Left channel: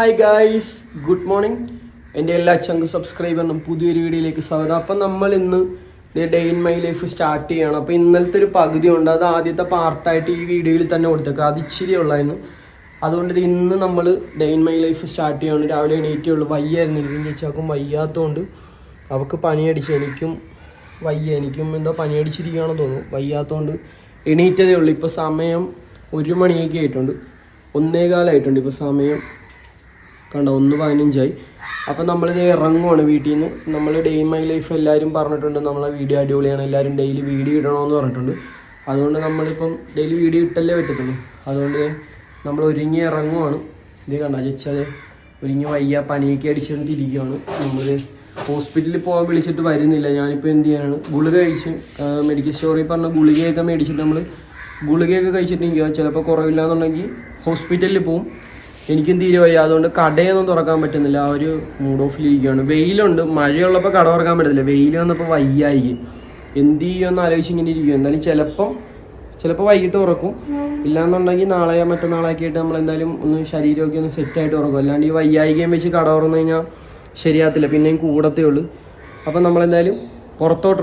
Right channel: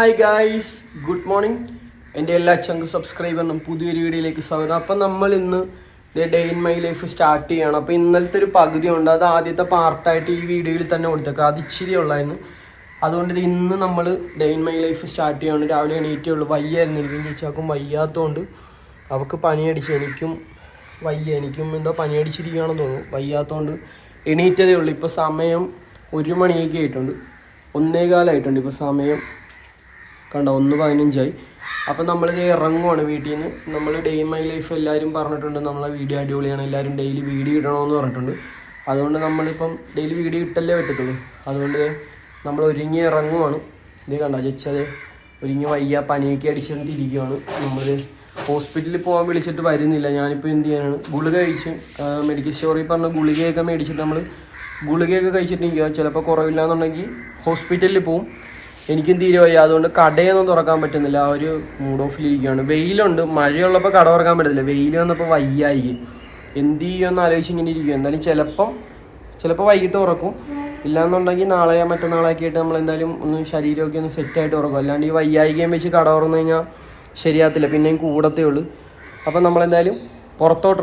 Hi guys good morning എന്റെ എല്ലാ ചങ്ക് സബ്സ്ക്രൈബറിനും പുതിയൊരു വീഡിയോയിലേക്ക് സ്വാഗതം. അപ്പം നമ്മൾ ഇന്ന് day in my life start ചെയ്യണം. അപ്പോൾ ഇന്നലത്തെ ഒരു പകുതി ഉണ്ട് അത് ആദ്യത്തെ പാർട്ടായിട്ട് ഈ വീഡിയോയിൽ തന്നെ കൊടുത്തേക്കുക അത് ഇച്ചിരി ഉള്ളായിരുന്നു. അതുകൊണ്ട് ഇത് ഇന്ന് നമ്മൾ day in my life start ചെയ്യണം. രാവിലെ എണീറ്റേ ഉള്ളൂ. വയ്യായിരുന്നു. എനിക്കും ചേച്ചാക്കും വയ്യാത്തതുകൊണ്ട് അവൾക്ക് പനിയടിച്ച് എനിക്കും വയ്യ. എനിക്കും എന്തോ പനിയടിച്ചിരിക്കുകയാണെന്ന് തോന്നുന്നു. വയ്യാത്തതുകൊണ്ട് എണീറ്റതേ ഉള്ളൂ. ഇപ്പോൾ സമയം ഒരു മണിയൊക്കെ ആയിട്ടുണ്ട്. ഒന്നേകാലായിട്ടുണ്ട്. ഇപ്പോൾ സമയം കണ്ട ഒന്ന് പതിനഞ്ചായി. അപ്പം നമ്മളിത് ഇറങ്ങുവാണ് വീട്ടിൽ നിന്ന് നമ്മൾ ഡേ മൈ ലൈഫ് എല്ലാവരും പറഞ്ഞിട്ടുണ്ട് നമ്മളെ വീഡിയോ അടിപൊളിയാണ് എല്ലാവരും ഡെയിലി വീഡിയോ ഇടണമെന്ന് പറഞ്ഞിട്ടുണ്ട്. അതുകൊണ്ട് നമ്മളിപ്പം ഡെയിലി വീഡിയോ ഇട്ടല്ലേ പറ്റത്തുള്ളൂ. അതുകൊണ്ട് നമ്മൾ ഒരുങ്ങി ഇറങ്ങുവാണ്. ഇത് കണ്ട ചേച്ചത് ഒരുങ്ങി വയ്യ പനിയൊക്കെ അടിച്ചുകൊണ്ടിരിക്കുകയാണ് നമ്മൾ ഹോസ്പിറ്റലിൽ പോകാൻ വിളിച്ചിട്ട് വരുന്നില്ല. ഞാനിപ്പോൾ എന്ത് ചെയ്യാനാണ്? ഗുളിക കഴിച്ച് മെഡിക്കൽ സ്റ്റോറിൽ പറഞ്ഞ ഗുളികയൊക്കെ മേടിച്ചിട്ട് നമ്മൾ ഗുളികയൊക്കെ കഴിച്ചിട്ടിരിക്കുക ചിലപ്പോൾ കുറവില്ല എന്നുണ്ടെങ്കിൽ ഹോസ്പിറ്റലിൽ പോവും. എനിക്കും തീരെ വയ്യ? അതുകൊണ്ട് കടയൊന്നും തുറക്കാൻ പറ്റുന്നില്ല. ആ ഒരു മൂഡ് ഓഫിലിരിക്കുകയാണ് വെയിലുണ്ട്. മഴയുള്ളപ്പോൾ കട തുറക്കാൻ പറ്റത്തില്ല. വെയിൽ വന്നപ്പോൾ വയ്യായി എന്ത് ചെയ്യുമെന്ന് ആലോചിച്ച് ഇങ്ങനെ ഇരിക്കും എന്തായാലും ചിലപ്പം ചിലപ്പോൾ വൈകിട്ട് ഉറക്കും ഇല്ലാന്നുണ്ടെങ്കിൽ നാളെ മറ്റന്നാളൊക്കെ ആയിട്ട് നമ്മൾ എന്തായാലും ഒന്ന് ശരീരമൊക്കെ ഒന്ന് സെറ്റായിട്ട് ഉറക്കും അല്ലാണ്ട് ഈ വയ്യായികയും വെച്ച് കട തുറന്നു കഴിഞ്ഞാൽ ശരിയാകത്തില്ല. പിന്നെയും കൂടത്തേ ഉള്ളൂ. അപ്പം നമ്മളെന്തായാലും പുറത്തോട്ട്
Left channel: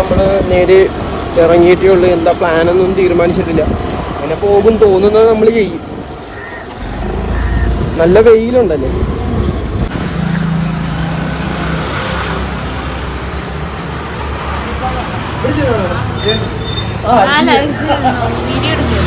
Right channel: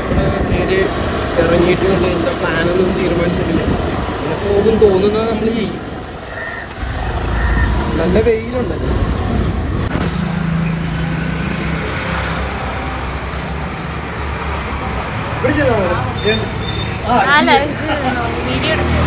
നമ്മൾ നേരെ ഇറങ്ങിയിട്ടേ ഉള്ളൂ. എന്താ പ്ലാനൊന്നും തീരുമാനിച്ചിട്ടില്ല. നമ്മൾ പോകും തോന്നുന്നത് നമ്മൾ ചെയ്യും. നല്ല കയ്യിലുണ്ടല്ലേ ഇവിടെ അല്ല വീഡിയോ എടുക്കുക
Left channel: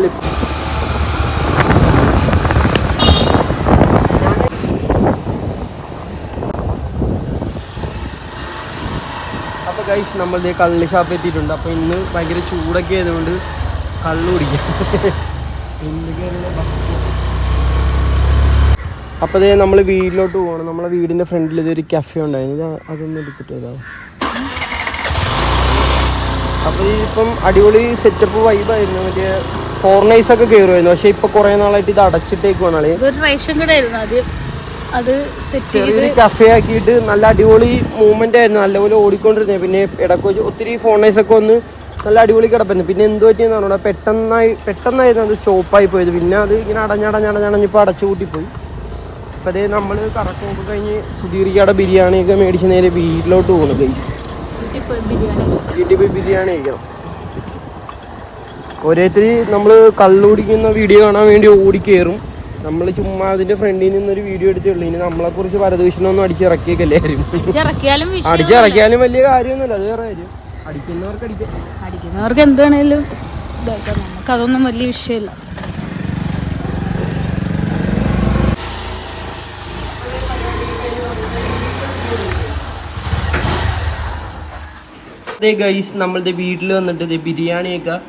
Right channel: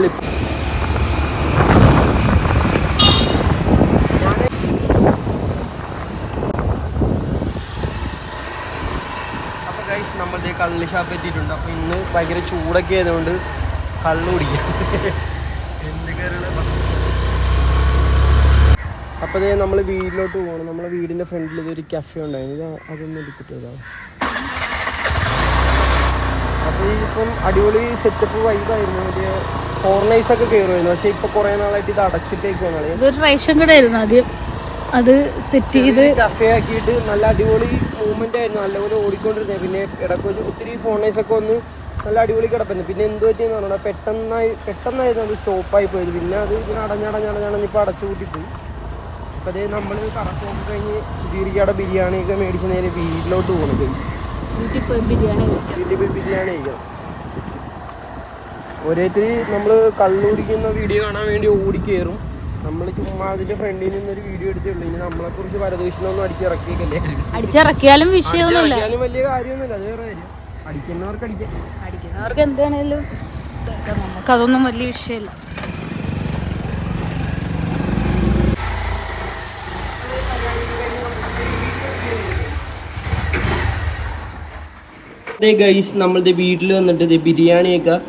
പൊളി. അപ്പൊ ഗൈസ് നമ്മളുടെ കള്ളി ഷാപ്പ് എത്തിയിട്ടുണ്ട്. അപ്പൊ ഇന്ന് ഭയങ്കര ചൂടൊക്കെ ആയതുകൊണ്ട് കള്ളു കുടിക്കാം. അപ്പോൾ ദേ നമ്മൾ വീട്ടിലോട്ട് പോകണം നമ്മളെ വീടിന്റെ ഫ്രണ്ടിൽ ഇതൊരു കഫേ ഉണ്ടായിരുന്നു അത് അതൊന്നും എടുത്തിട്ട് വരാം. അപ്പോൾ ഇപ്പം അടിപൊളി സെറ്റപ്പ് വൈബായിരുന്നു മറ്റേ ഫോറിനേഴ്സ് ഒക്കെ കയറുമായിരുന്നു പക്ഷെ ഇപ്പൊ കുറെ നാളായിട്ട് ഇത് അടച്ചിട്ടേക്കുവാണ് അത് സെറ്റ് ചെയ്ത് കഫേ ആക്കിയിട്ട് നല്ല അടിപൊളി മൂവ്മെന്റ് ആയിരുന്നു. നല്ലപോലെ ഓടിക്കൊണ്ടിരുന്നത് പിന്നെ ഇടയ്ക്ക് ഒത്തിരി ഫോണേഴ്സ് ഒക്കെ വന്ന് നല്ല അടിപൊളി കിടപ്പായിരുന്നു. പിന്നെ എന്ത് പറ്റിയെന്ന് പറഞ്ഞാൽ പെട്ടെന്നായി പെട്ടെന്നായിരുന്നു അത് സ്റ്റോപ്പായി പോയത്. പിന്നെ അത് ഇങ്ങനെ അടഞ്ഞടഞ്ഞടഞ്ഞടഞ്ഞിപ്പോൾ അടച്ചു കൂട്ടിപ്പോയി. അപ്പം അതേ നമ്മൾ കറക്റ്റ് കഴിഞ്ഞ് സുധീറിക്കയുടെ ബിരിയാണിയൊക്കെ മേടിച്ച് നേരെ വീട്ടിലോട്ട് പോകുന്നു ഗൈസ് വീട്ടിൽ പോയി ബിരിയാണി വീട്ടിൽ പോയി ബിരിയാണി കഴിക്കണം ഓരോരുത്തര് നമ്മൾ കള്ളുടിക്കുന്ന വീഡിയോ കാണാൻ വേണ്ടി ഓടി കയറും നമ്മൾ ചുമ്മാ അതിന്റെ ഫ്രണ്ടിൽ നിന്നൊരു വീഡിയോ എടുത്തേ ഉള്ളൂ. ഇനി നമ്മളെ കുറിച്ച് പരദൂഷണമൊന്നും അടിച്ചിറക്കിയേക്കല്ലേ കാര്യം അടിച്ചിറക്കിയാലും വലിയ കാര്യമൊന്നുമില്ല. അത് വേറെ കാര്യം. അടിക്കുന്നവർക്ക് അടിക്കാം. അടിക്കുന്നവർക്ക് എന്താണേലും നമുക്കതൊന്നും വലിയ വിഷയമല്ല. അതേ ഗൈസ് നമ്മളുടെ വീട്ടിൽ വന്നിട്ട് ഇത് ബിരിയാണിയൊക്കെ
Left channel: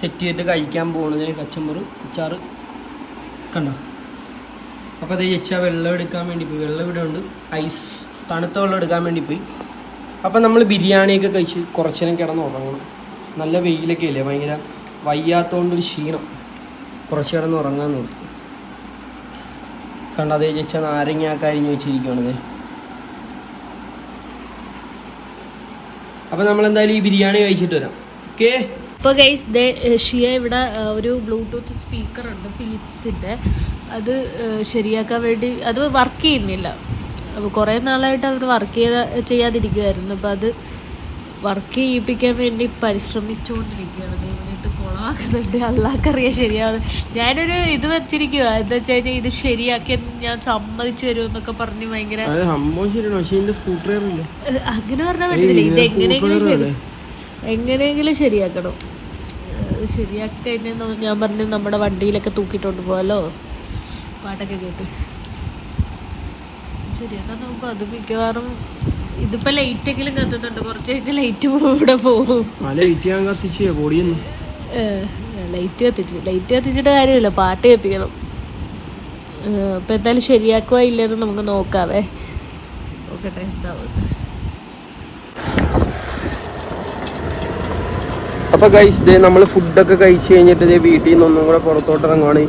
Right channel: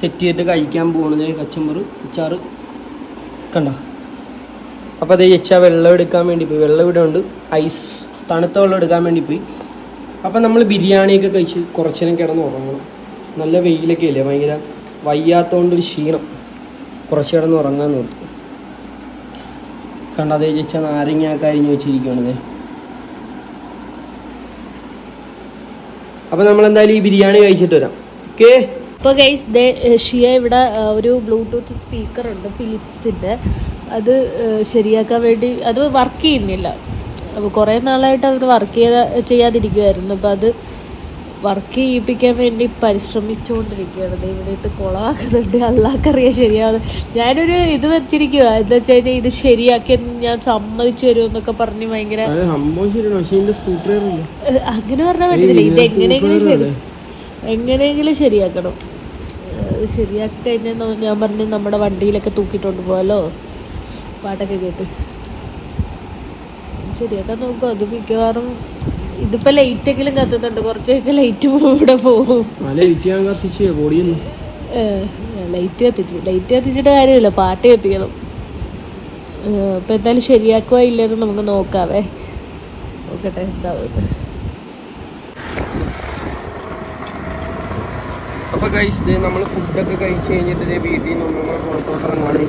സെറ്റ് ചെയ്തിട്ട് കഴിക്കാൻ പോകുന്നത് കച്ചമ്പറ് അച്ചാറ് കണ്ട? അപ്പോൾ അതേ ചേച്ചാ വെള്ളം എടുക്കാൻ വേണ്ടി പോയി. വെള്ളം ഇവിടെ ഉണ്ട്. ഐസ് തണുത്ത വെള്ളം എടുക്കാൻ വേണ്ടി പോയി. അപ്പം നമ്മൾ ബിരിയാണിയൊക്കെ കഴിച്ച് കുറച്ച് നേരം കിടന്ന് ഉറങ്ങണം. നല്ല വെയിലൊക്കെ അല്ലേ? ഭയങ്കര വയ്യാത്തതുകൊണ്ടൊരു ക്ഷീണം. കുറച്ച് കിടന്ന് ഉറങ്ങാൻ നോക്കി. കണ്ട? അതേ ചേച്ചാ നാരങ്ങ അരിഞ്ഞ് വെച്ചിരിക്കുകയാണത് അപ്പൊ നമ്മൾ എന്തായാലും ഈ ബിരിയാണി കഴിച്ചിട്ട് വരാം. ഓക്കേ? ഇപ്പോൾ ഗൈസ് ദേ ഷിയ ഇവിടെ ഒരു ബ്ലൂടൂത്ത് സ്പീക്കർ ഉണ്ട് ഫിലിപ്സിന്റെ അത് ശരിയാക്കാൻ വേണ്ടി അത് വർക്ക് ചെയ്യുന്നില്ല. അപ്പോൾ കുറേ നാളായിട്ട് അവർ വർക്ക് ചെയ്ത ചെയ്യാതിരിക്കുമായിരുന്നു അപ്പോൾ അത് വർക്ക് ചെയ്യിപ്പിക്കാൻ വേണ്ടി പരിശ്രമിച്ചുകൊണ്ടിരിക്കുകയാണ് ദൈവമായിട്ട് കുളമാക്കുന്നുണ്ട് അല്ലാക്കറിയാം ശരിയാണ്. ഞാനൊരു ഇത് വെച്ചിരിക്കുക എന്താ വെച്ച് കഴിഞ്ഞാൽ ഇത് ശരിയാക്കി ഞാൻ സമ്മതിച്ചു തരും എന്നൊക്കെ പറഞ്ഞ് ഭയങ്കര അങ്ങനെ പറഞ്ഞാൽ പറ്റില്ല ഇത് എങ്ങനെയെങ്കിലും ശരി എങ്ങനെയെങ്കിലും ശരിയാക്കണം. ശരിയാക്കി കഴിഞ്ഞാൽ ഞാൻ പറഞ്ഞു നമ്മുടെ വണ്ടിയിലൊക്കെ തൂക്കിയിട്ടുണ്ട് പോകാലോ പാട്ടൊക്കെ കേട്ട്. ശരിയാക്കാൻ നോക്കും. അത് മിക്കവാറും ഇതിപ്പോ ലൈറ്റ് എങ്കിലും കത്തുന്നുണ്ട്. കുറച്ചൊക്കെ ലൈറ്റ് ഇവിടെ പോകും. ലൈറ്റ് കത്തിച്ചേ ലൈറ്റ് കത്തിച്ച്. ലൈറ്റ് കത്തിച്ചിട്ട് കാര്യമില്ല. പാട്ട് കേൾപ്പിക്കണം. ഇപ്പൊ എന്തായാലും ശരിയാക്കുക ഇല്ലെന്ന് നമുക്ക് നോക്കാവേ. നോക്കട്ടെ എന്താവും അപ്പൊ ഗൈസ് ദേ നമ്മൾ ഫുഡൊക്കെ കഴിച്ചു കഴിഞ്ഞിട്ട് ദേ വീട്ടിൽ നിന്ന് ഒന്നും കൂടെ പുറത്തോട്ട് ഇറങ്ങുവാണ്.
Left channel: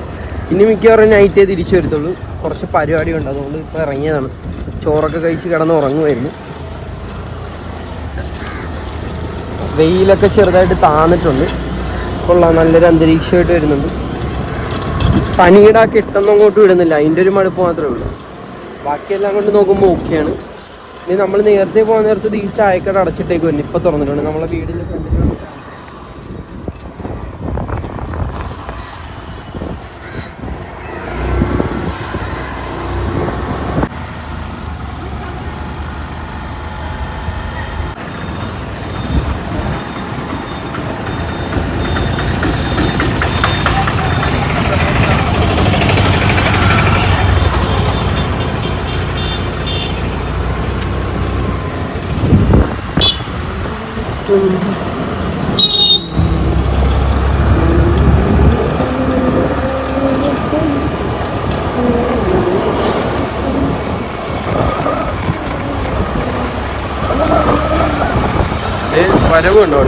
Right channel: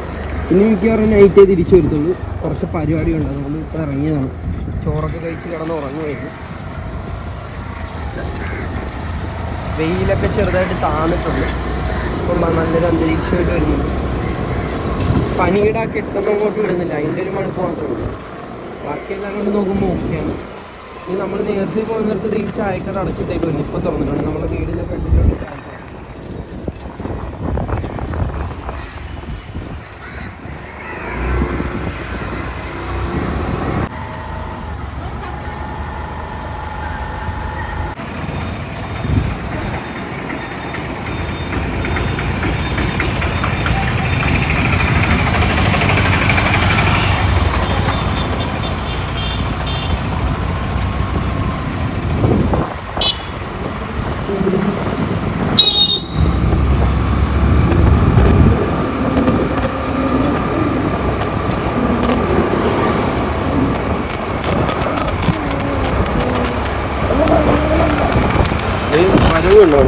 ഇനി മിക്കവാറും നൈറ്റേ തിരിച്ചു വരുത്തുള്ളൂ. കുറച്ച് പരിപാടി ഉണ്ട് അതുകൊണ്ട് ഇപ്പൊ ഇറങ്ങിയതാണ്. ചോറൊക്കെ കഴിച്ച് കിടന്ന് ഉറങ്ങുമായിരുന്നു വെയിലൊക്കെ ചെറുതായിട്ട് താന്നിട്ടുണ്ട്. കൊള്ളാം നല്ലൊരു അന്തരീക്ഷമായിട്ട് വരുന്നുണ്ട്. പനിയുടെ ആ കെട്ടൊന്നും അങ്ങോട്ട് വിടുന്നില്ല. അതിന്റെ ഒരു മടുപ്പ് മാത്രമേ ഉള്ളൂ. ബാക്കിയെല്ലാം കൊണ്ട് നോക്കുമ്പോൾ ഓക്കെയാണ്. ഇനി നമ്മൾ നേരത്തെ പോകുന്ന നേരത്ത് ഈ ചായക്കട അടച്ചിട്ടേക്ക് വന്നു. ഇപ്പം തുറന്നിട്ടുണ്ട്. നമ്മളെ വീടിന്റെ ഫ്രണ്ടിൽ വരവുണ്ടോ?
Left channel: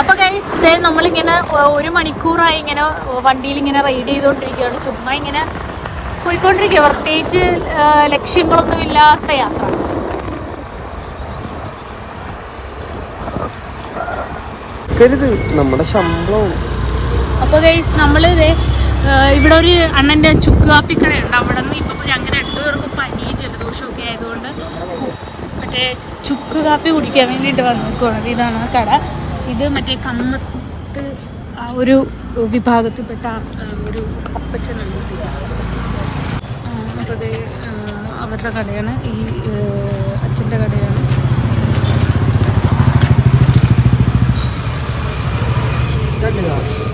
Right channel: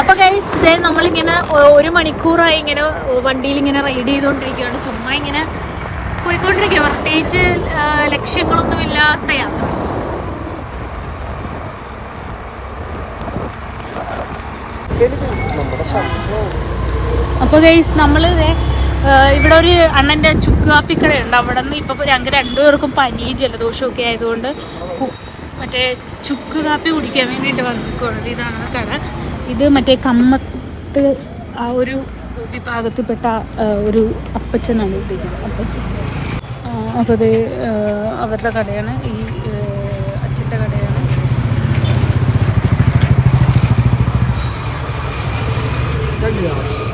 അപ്പൊ കഴിഞ്ഞ നമ്മളിങ്ങനെ ഒരു മണിക്കൂറായി ഇങ്ങനെ വണ്ടിയിൽ ഇങ്ങനെ റൈഡ് ചെയ്തുകൊണ്ടിരിക്കുകയാണ് ചുമ്മാ ഇങ്ങനെ പോയിക്കൊണ്ടിരിക്കുക പ്രത്യേകിച്ച് ലക്ഷ്യങ്ങളൊന്നുമില്ലാത്ത യാത്ര. കരുത് നമ്മുടെ ശമ്പളം അപ്പൊ ഗൈസ് നമ്മൾ ദേ, ആ, ഇവിടെ ഒരു അണ്ണന്റെ ചുക്ക് കാപ്പിക്കടയുണ്ട് അവിടെ നിന്ന് ഇപ്പൊ ഞങ്ങൾക്ക് രണ്ടുപേർക്കും പനിയും ജലദോഷവും ഒക്കെ ആയതുകൊണ്ട് മറ്റേ ചുക്ക് കാപ്പി കുടിക്കാൻ വേണ്ടിയിട്ട് വന്നിരിക്കുകയാണ് ഇതാണ് ആ കട. ഇത് മറ്റേ കമ്മത്ത് ആ ഒരു വിഭാഗത്തിൽപ്പെട്ട ഒരു അപ്പച്ചനാണ്. അപ്പോൾ അത് അവരുടെ കടയാണ്. ഈ അച്ഛന്റെ കടയാണ്. 真的。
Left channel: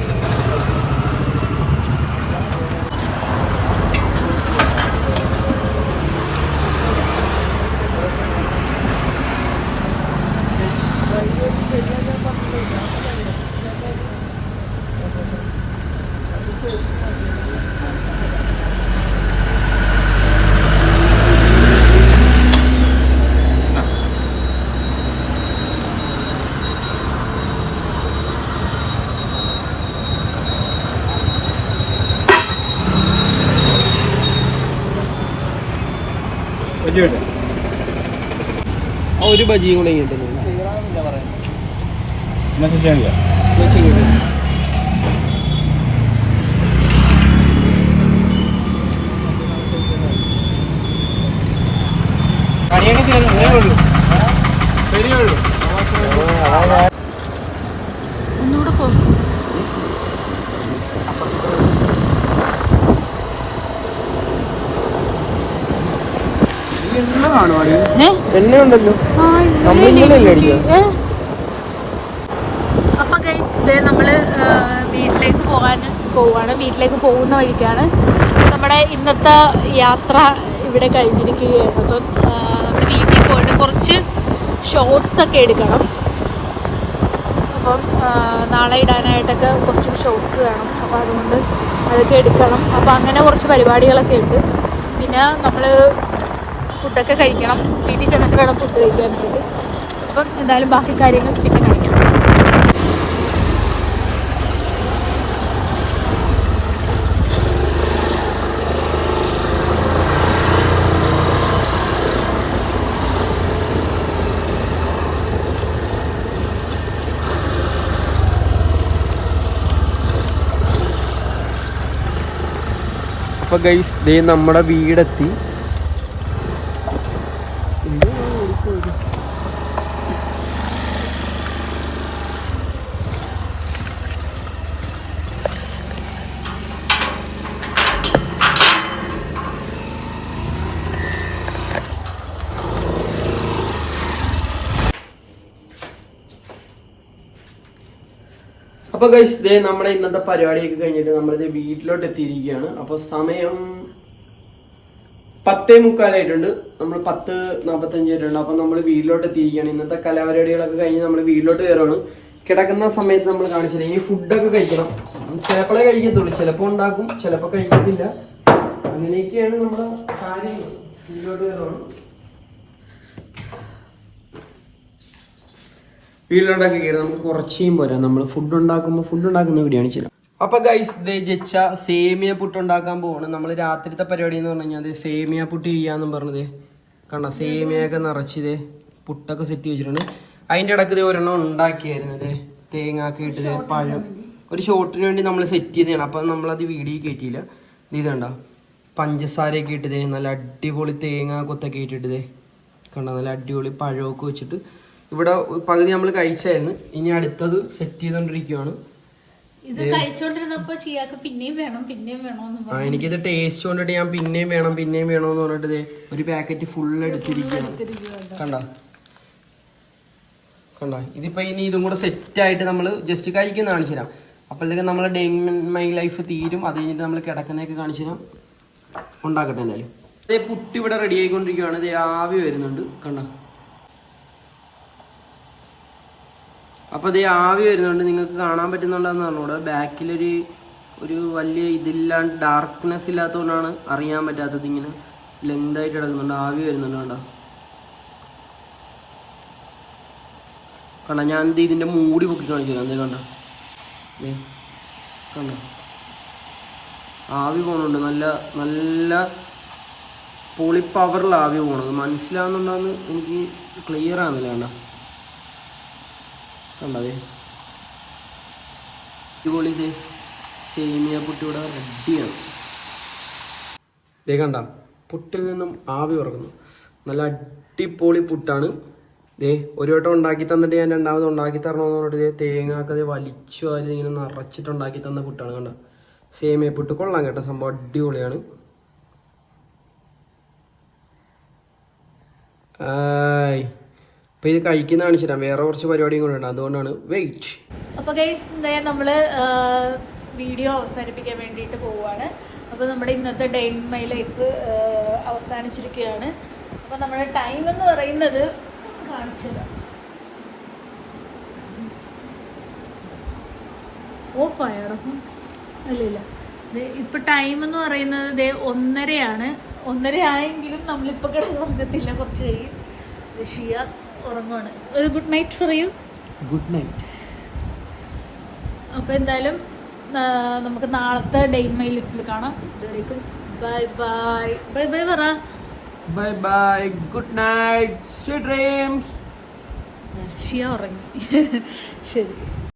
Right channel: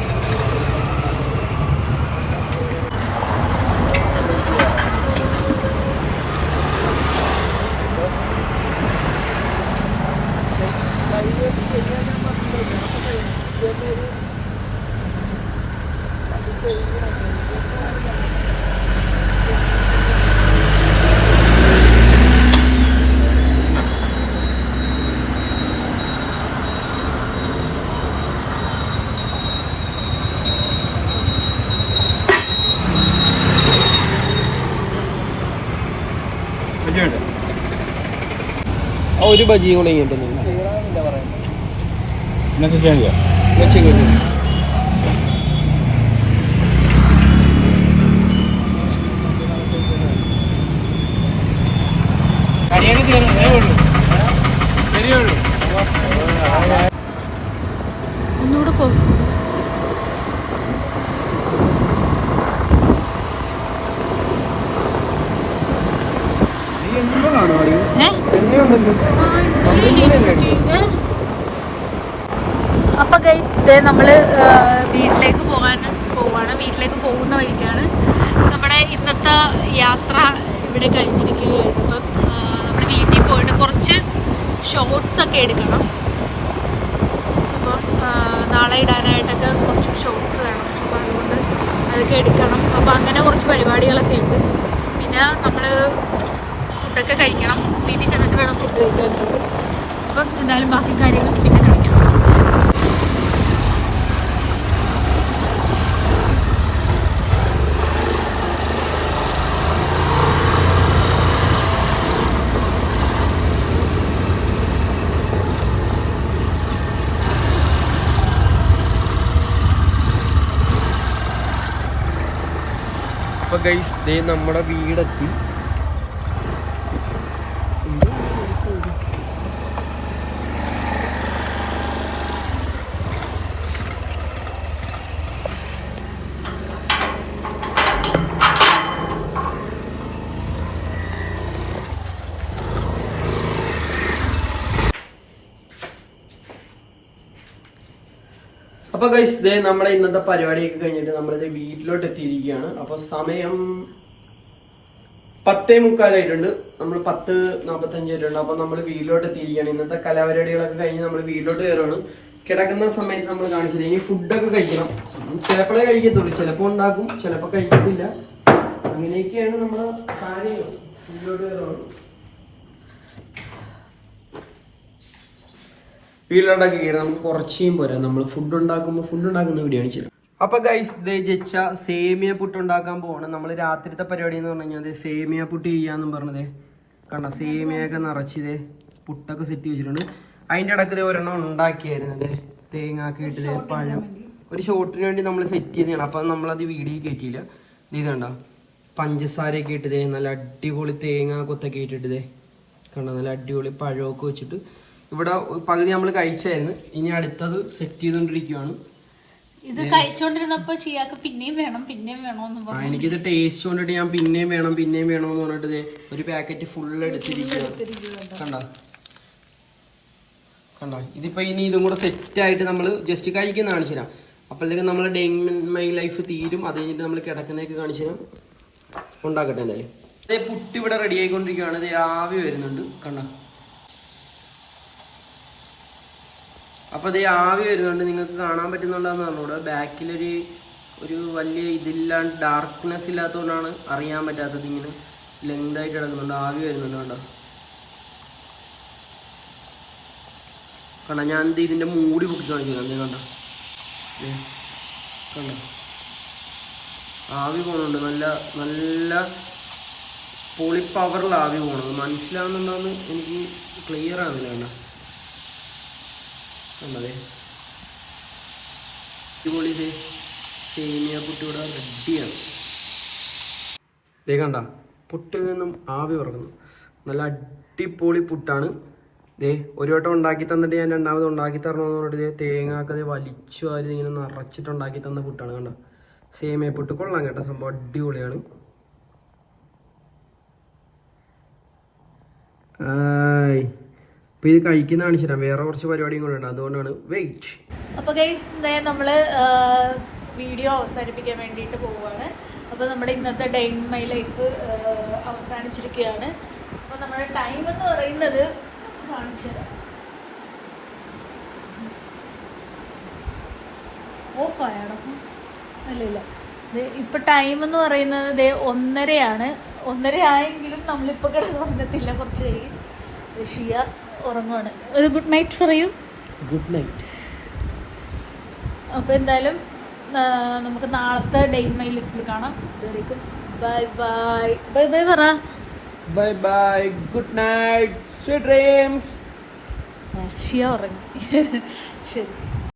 ആ ഒരു ബജിയും കൂടെ. ഒന്നുകൂടെ പോ. അപ്പൊ ഗൈസ് ഇതേ നമ്മൾ വീട്ടിലേക്ക് പോകാൻ പോവാണ്. വീട്ടിലേക്ക് പോകുന്ന വഴിക്കാണ് നമ്മുടെ ഇന്നത്തെ യാത്ര ഇവിടെ കഴിഞ്ഞിരിക്കുകയാണ്. അപ്പം നമ്മൾ വീട്ടിൽ പോയിട്ട് കുറച്ച് ഷോർട്സ് ഒക്കെ എടുക്കണം. അപ്പം നാളെ ഇടാനായിട്ടൊക്കെ കുറച്ച് ഷോർട്സ് വേണം. അപ്പോൾ അതുകൊണ്ട് അതൊക്കെ എടുക്കണം. അപ്പോൾ അങ്ങനെ കുറച്ച് പരിപാടികളൊക്കെ ഉണ്ട്. പിന്നെ നമ്മൾ ഫുഡൊക്കെ കഴിക്കണം. വീട്ടിൽ ചെന്നൊക്കെ വേണം ഫുഡ് കഴിക്കാൻ വേണ്ടി അപ്പം എന്തായാലും ബാക്കി കാര്യങ്ങൾ പിന്നെ കാണിക്കണം ഗൈസ് ദേ നമ്മുടെ വീടെത്തി. അപ്പൊ ഗൈസ് ദേ നമ്മുടെ ഇന്നത്തെ പരിപാടിയൊക്കെ കഴിഞ്ഞിട്ട് നമ്മളിത് വീട്ടിലോട്ട് എത്തിയിരിക്കുകയാണ് അപ്പൊ സമയം പത്തേ മുക്കാലായിട്ടുണ്ട്. നമ്മൾ പത്ത് നാപ്പത്തഞ്ച് ആയിട്ടുണ്ട്. അപ്പൊ നമ്മൾ വീട്ടിലോട്ട് എത്തിയിരിക്കുകയാണ് ഇന്നത്തെ കലാപരിപാടികളൊക്കെ കഴിഞ്ഞ് നമ്മൾ വീട്ടിലോട്ട് കയറുകയാണ്. കിടക്കുന്ന സമയത്ത് നമ്മൾ കാണിച്ചില്ല ഇനി ഫുഡൊക്കെ കഴിക്കണം. ചിലപ്പോഴേ കഴിക്കത്തുള്ളൂ. ചിലപ്പോൾ ഉണ്ടാക്കും ചിലപ്പോൾ കഴിക്കത്തില്ല. അങ്ങനെയൊക്കെയാണ് നമ്മുടെ കാര്യങ്ങൾ. വീട്ടിലോട്ട് വീട്ടിലുണ്ടാക്കി കയറി നമുക്ക് കുറച്ചേയും പോരാ നമ്മൾ ഫുഡ് ഉണ്ടാക്കുമ്പോൾ ഫുഡ് ഉണ്ടാക്കുന്ന വീഡിയോ ആണ് അപ്പൊ ഗൈസ് ജച്ച സേമിയ പുട്ട് ഉണ്ടാക്കാൻ പോവാണ്. നമ്മൾ രാത്രിത്തെ പരിപാടി എന്ന് പറഞ്ഞു കഴിഞ്ഞാൽ സേമിയ പുട്ട് ചെയ്യാന്നും പറഞ്ഞത് കണ്ട? സേമിയൊക്കെ നിറച്ചത് പുട്ടൊക്കെ സെറ്റ് വെച്ചിട്ടുണ്ട് അതിന്റെ ഇടയ്ക്ക് ഇതേ ഒരെണ്ണം ഉണ്ടാക്കിയായിരുന്നത് തേങ്ങാക്കി ഇട്ടത് പഴം. ഒരു ഷോട്ടിന് വേണ്ടി നമ്മൾ സെറ്റ് ചെയ്തതാണ്. അപ്പം നമ്മളത് വീഡിയോ കയറ്റിയില്ല ഇത് ഇതണ്ട പഞ്ചസാരയൊക്കെ ഇട്ടത് നല്ല അടിപൊളി തേങ്ങ കൊത്തൊക്കെ ഇട്ടിട്ടത് കണ്ട? നല്ല അടിപൊളി പഴമൊക്കെ വെച്ചിട്ട് ഇവിടെ പകുതി നമ്മൾ കഴിച്ചായിരുന്നു. ഇനി അടുത്തത് സെറ്റ് ചെയ്തുകൊണ്ടിരിക്കുകയാണ് ഇത് കഴിച്ചോണ്ടിരുന്നപ്പോ ചിയാക്ക് പിന്നെയും വേണം പിന്നെയും വേണമെന്ന് ആ എനിക്കിത് ടേസ്റ്റ് കൊണ്ടിട്ട് ഞാൻ പിന്നെയും വേണം പിന്നെയും വേണം എന്ന് പറഞ്ഞിട്ട് ഒരു പാക്കറ്റ് ഫുൾ എടുത്തിരിക്കുകയാണ് കണ്ടോ? കണ്ട? ഇതിപ്പോ ഇനി ഇതും കൂടെ സെറ്റ് ആയിട്ട് നമ്മൾ ജസ്റ്റ് കഴിക്കുന്ന കാണിച്ചു തരാം. അപ്പോഴത്തേക്കും നമ്മൾ ഡേ മൈ ലൈഫ് തീരും. അത് കഴിഞ്ഞിട്ട് നമ്മൾ കിടക്കുന്നതൊക്കെ കാണിച്ചു തരാം. ഉണ്ടാക്കട്ടെ എന്തായാലും. പുട്ട് ഇവിടെ റെഡി ആയിക്കൊണ്ടിരിക്കുകയാണ് ഇത് ആവി വരുന്നുണ്ട്. കണ്ട? അപ്പോൾ ഇത് ആവി വരുന്നുണ്ട്. നിങ്ങൾക്ക് കാണാൻ പറ്റുന്നുണ്ടെന്ന് പറഞ്ഞുകൂടെ? ബാക്കിലൊരു ഒരു വലിയ ഇതില്ലാണ്ട് ഡാർക്ക്നെസ് ഇല്ലാത്തതുകൊണ്ടാണ് അറിയാൻ പറ്റാത്തത് ഇങ്ങനെ ലെങ്ത് ആയിട്ട് കിടക്കുന്നുണ്ട്. ആവി വരുന്നുണ്ട് കണ്ടോ? കണ്ടോ? ഞാൻ ഇതിന്റെ മൂടി പൊക്കി കാണിച്ചു എന്തേ കണ്ട? കണ്ട? ആവി പോണുണ്ട്. നല്ല നല്ല പൊളി ആവി പോണത് മനസ്സിലാവുന്നുണ്ടോന്ന് എനിക്ക് ക്ലിയർ ആവുന്നില്ല കണ്ട? കണ്ടതേ അടിപൊളി ഇത്. സേമിയ പുട്ട് ഇവിടെ റെഡിയാണ് ദേ കണ്ട പുട്ടിൽ നിന്നും ആവി ഉറങ്ങുന്നു. നല്ല അടിപൊളി പുട്ടാണ്. ഇതേ ഒരു വട്ടം ഉണ്ടാക്കി തന്നിട്ട് ഞാൻ രണ്ടാമത് ഉണ്ടാക്കി തരണമെന്ന് പറഞ്ഞിട്ട് ദേ തേങ്ങാക്കത് വലിച്ചു വാരി ഇങ്ങനെ നിറച്ചിട്ട് ഉണ്ടാക്കി തന്ന പുട്ടാണ് കണ്ട. സേമിയ പുട്ട് കൊള്ളാം കേട്ടോ സംഭവം അടിപൊളിയാണ്. ഇപ്പൊ ഇത് കഴിക്കുന്ന കാണിച്ചു വേറെ കുറച്ച് പരിപാടിയും കൂടെ ഉണ്ട്. അതുകൊണ്ടാണ് വെയിറ്റ് അപ്പൊ ഗൈസ് നമ്മൾ വീഡിയോ അവസാനിപ്പിക്കാൻ വേണ്ടിയിട്ട് പോവുകയാണ് അപ്പോൾ നമ്മുടെ ഇന്നത്തെ ഡേ ഇൻ മൈ ലൈഫ് അവസാനിച്ചിരിക്കുകയാണ്. അപ്പോൾ നമ്മുടെ ടൈം എന്ന് പറയുന്നത് കാണിച്ചു തരാം. ഇല്ല ഇല്ല. ടൈം എന്ന് പറയുന്നത് ദേ ഒന്നരയാണ്. ഒന്നര ആയെങ്കിലും നമ്മളിപ്പോൾ കിടന്ന് ഉറങ്ങത്തില്ല കുറച്ച് കഴിയും. ഷിയ. ഉറങ്ങുവാണ്. ഒരു good night for you good night അപ്പോൾ എന്തായാലും നമുക്ക് നാളത്തെ ഡെയിൻ മൈ ലിഫ്റ്റിൽ കാണാം. ഇതുവരേക്കും ബൈ ബൈ ബൈ ബൈ പറ. Bye bye good night sweet dreams Shiya ഉറങ്ങി. ശരി.